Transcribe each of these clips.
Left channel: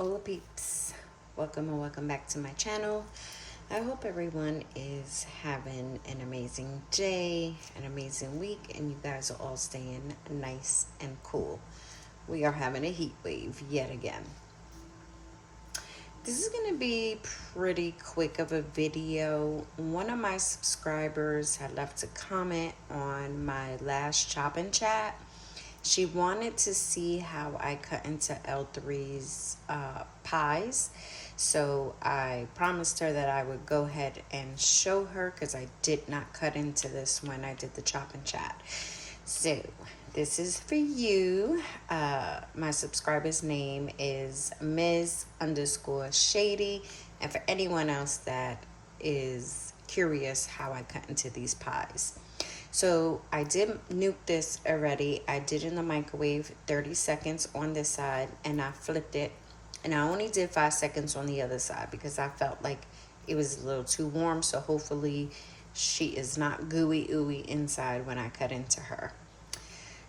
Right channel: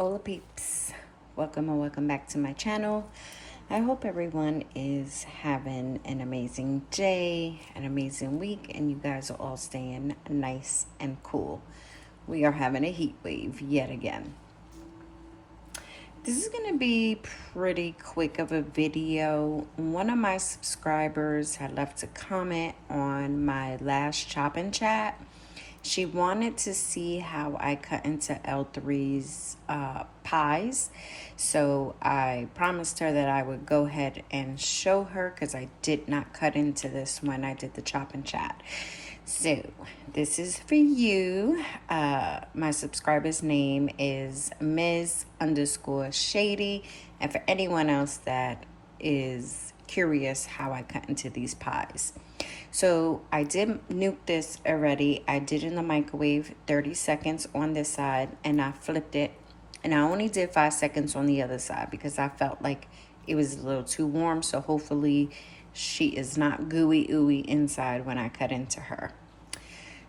Hello peeps, welcome and welcome back to my channel. I hope everyone is having an amazing day, an amazing week, and you guys are all staying nice and cool. We are having a heat wave yet again. This is going to be pretty quick of a video. One of my subscribers had left a comment on my last chop and chat. She wanted to see how I cut into L3's pies. So I promised her that I would go ahead and show her because I did not cut into this when I did the chop and chat. So this is for you. My subscriber's name is Ms_Shady. And for anyone else that is curious how I cut into these pies. So I did nuke this already. I did in the microwave 30 seconds on this side and I flipped it, and I only did 5 seconds on the other side because I felt like it was a little too warm. So hopefully she is not gooey ooey inside when I cut into her.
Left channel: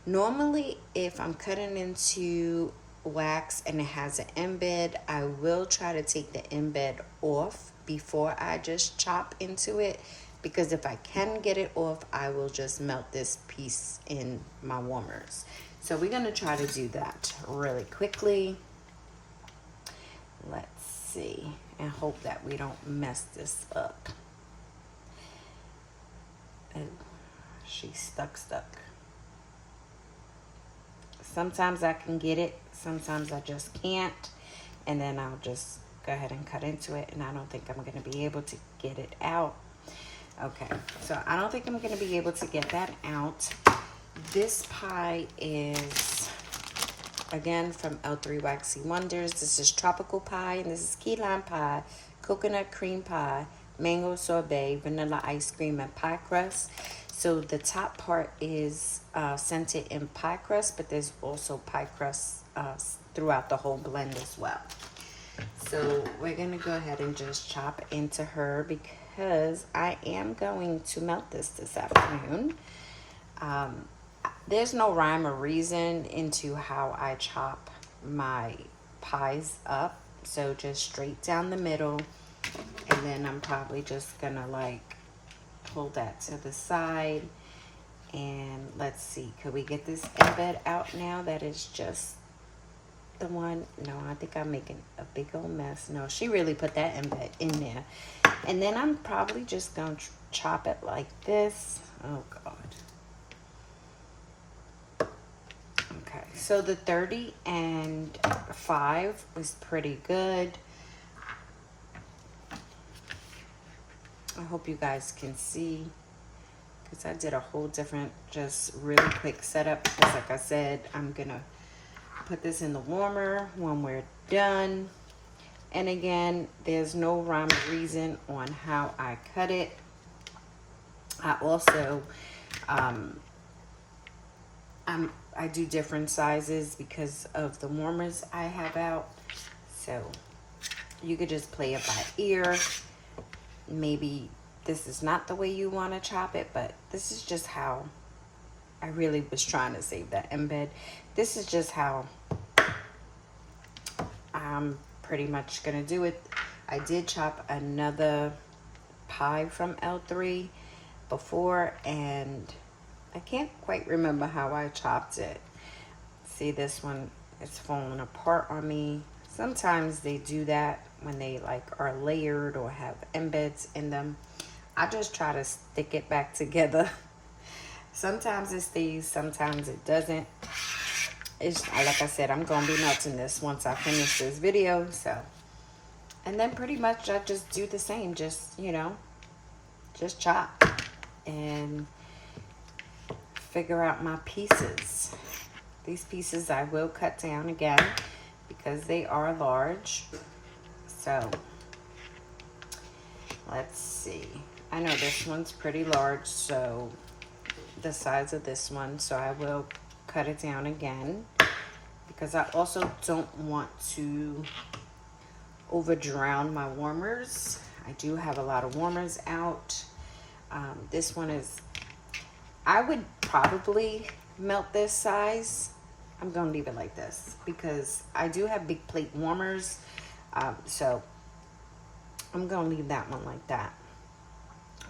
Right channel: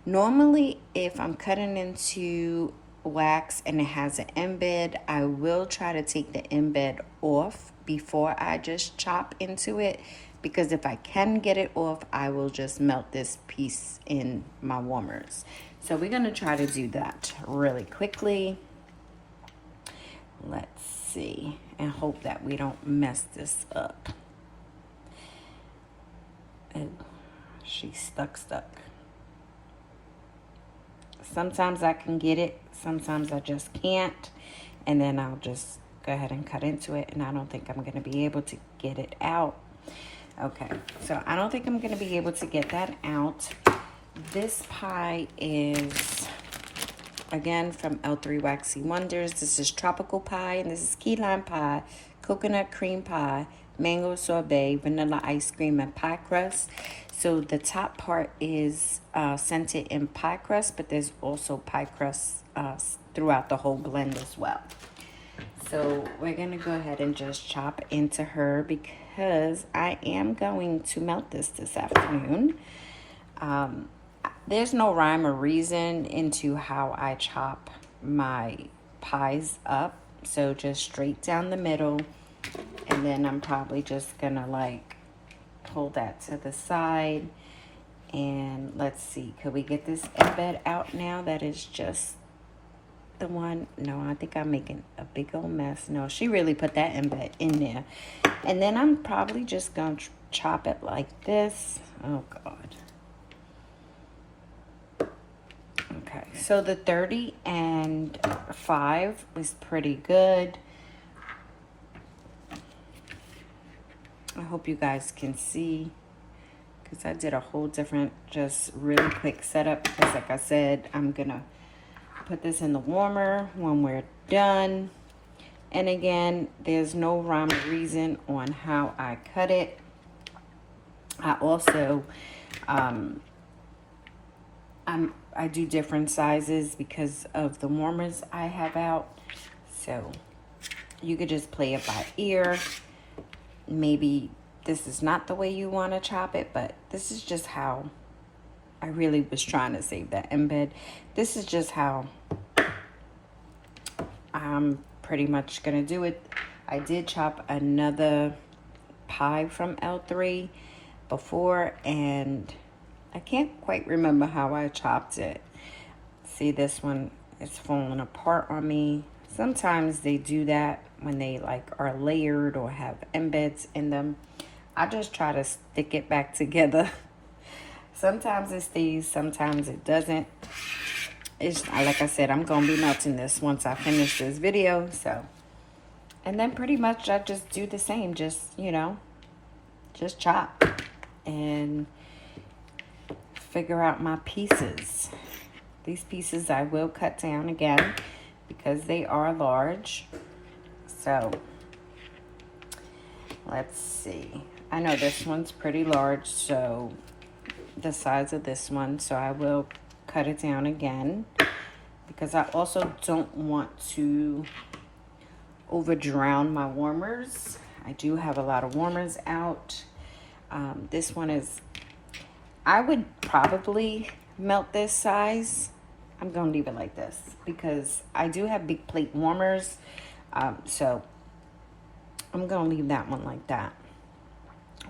Normally if I'm cutting into wax and it has an embed, I will try to take the embed off before I just chop into it, because if I can get it off, I will just melt this piece in my warmers. So we're going to try to do that really quickly. Let's see, and hope that we don't mess this up. And she's stuck. Sometimes I can get it, sometimes I just can't, and then I'll just go ahead and cut into it, and I don't think I'm going to be able to get it out. Okay, so I don't think I'm going to be able to get that out. This pie is, again, from L3 Waxy Wonders. This is tropical pie, and this is key lime pie, coconut cream pie, mango sorbet, vanilla ice cream, and pie crust. So the top part is scented in pie crust, but there's also pie crust throughout the whole blend as well. So we're going to go ahead and just chop into her because I am going to melt this afternoon. There's no rhyme or reason into how I chop my pies up. So just straight down the middle, and then I'm probably just going to like pull that to the side. And let's see, could we get this embed out now? That is just the one. No, I think I'm making a big old mess. No, she really put that embed in there. And then I'm probably just gonna chop it like this. Oh God. Okay, so the 30 and 5 is pretty good. I hope you guys can see, because I did a whole different, just really quick setup. Because like I said, I'm gonna put this in the warmer when we're done. And again, there's no rhyme or reason on how I cut it. I also I do different sizes because of the warmers I have out. So you could just play it by ear. Maybe this is not the way you want to chop it, but this is just how I really was trying to save that embed. This is just how I'm pretty much gonna do it. I did chop another pie from L3 before, and I can't quite remember how I chopped it. See, this one is falling apart on me. Sometimes they do that when they like are layered or have embeds in them. I just try to stick it back together. Sometimes it stays, sometimes it doesn't. It's like I said, I'm gonna be melting this once I finish this video. So, and then pretty much I just do the same, just, you know, just chop and figure out my pieces. These pieces I will cut down again because they are large. So let's see, I know this one's pretty large, so the size of this one, so I will cut it down again, because I also don't want to over drown my warmers. I do have a lot of warmers out. This one is, I would probably melt this size I'm gonna leave it like this because I do have big plate warmers. So I'm gonna leave that one like that.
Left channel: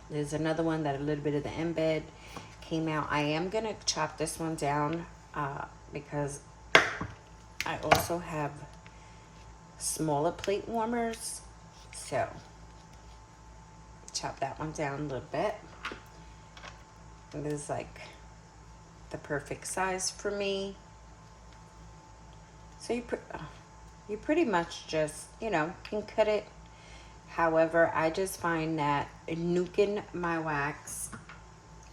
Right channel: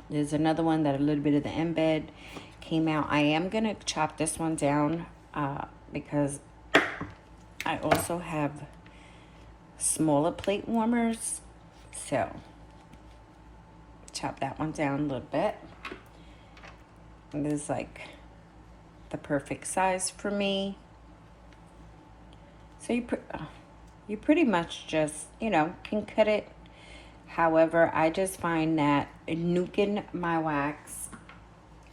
There's another one that a little bit of the embed came out. I am gonna chop this one down because I also have smaller plate warmers. So chop that one down a little bit. And this is like the perfect size for me. So you pretty much just, you know, can cut it. However, I just find that nuking my wax,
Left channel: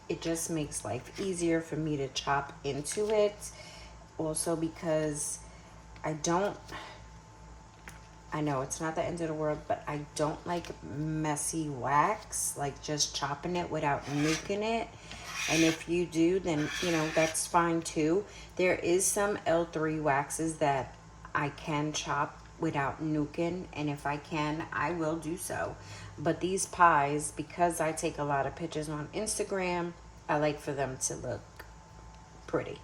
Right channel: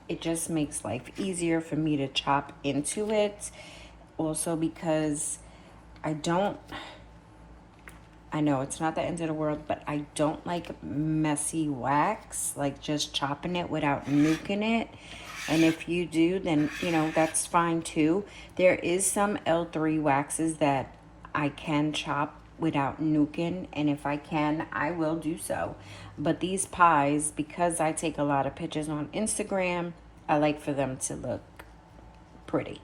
it just makes life easier for me to chop into it. Also because I know it's not the end of the world, but I don't like messy wax, like just chopping it without nuking it. And if you do, then, you know, that's fine too. There is some L3 waxes that I can chop without nuking, and if I can, I will do so. But these pies, because I take a lot of pictures on Instagram, I like for them to look pretty.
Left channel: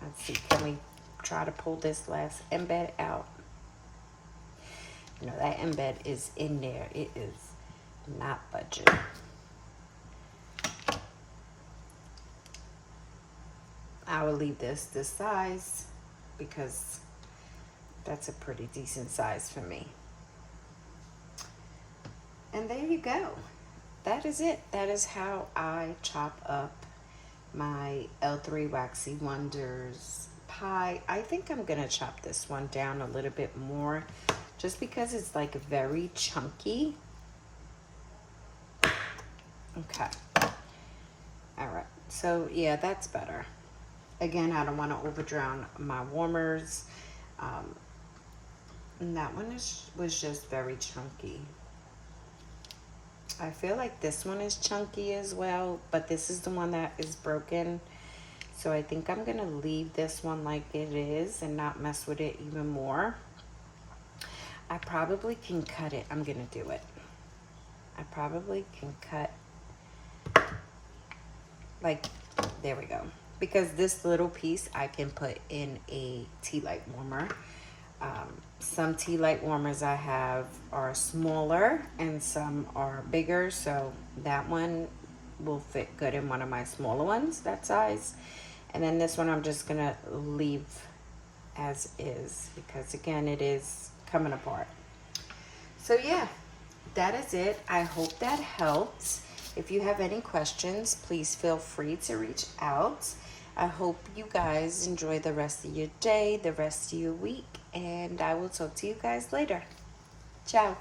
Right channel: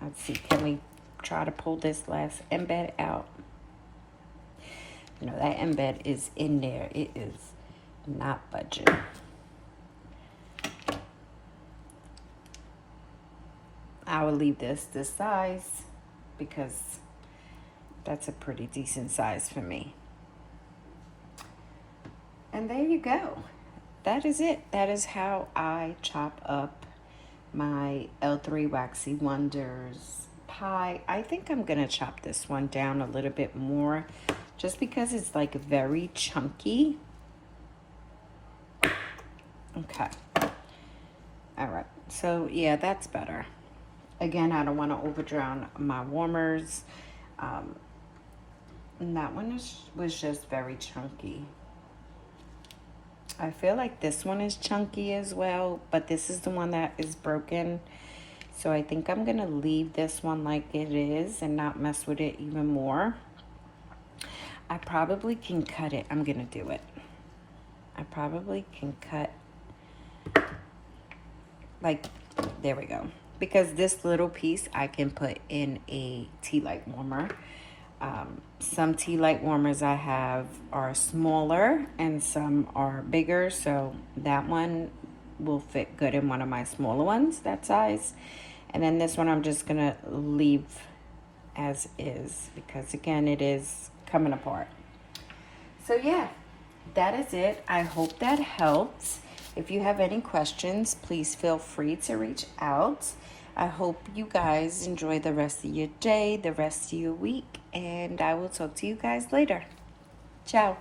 Let's see, can we try to pull this last embed out? You know, that embed is in there. It is not budging. I will leave this size because that's a pretty decent size for me. And there you go. That is it. That is how I chop up my L3 Waxy Wonders pie. I think I'm gonna chop this one down a little bit more just because it's like very chunky. Okay. All right. So yeah, that's better. Again, I don't want to over drown my warmers. And that one was just very chunky. I feel like this one is chunky as well, but this is the one that is broken. So I think I'm gonna leave this one like it is and not mess with it even more. I probably can cut it. I'm gonna do it. I probably can cut, like, there we go. Because this little piece I can put in a tea light warmer. Some tea light warmers I have are smaller and some are bigger, so that one will fit good in one of my smaller ones, that size. And then this one I'm just gonna leave as is because again, it is coming apart. So yeah, that is it. I hope that helped. If you have any questions, please feel free to reach out. I hope you guys enjoy the rest of your day, the rest of your week, and I will talk to you guys later. Ciao.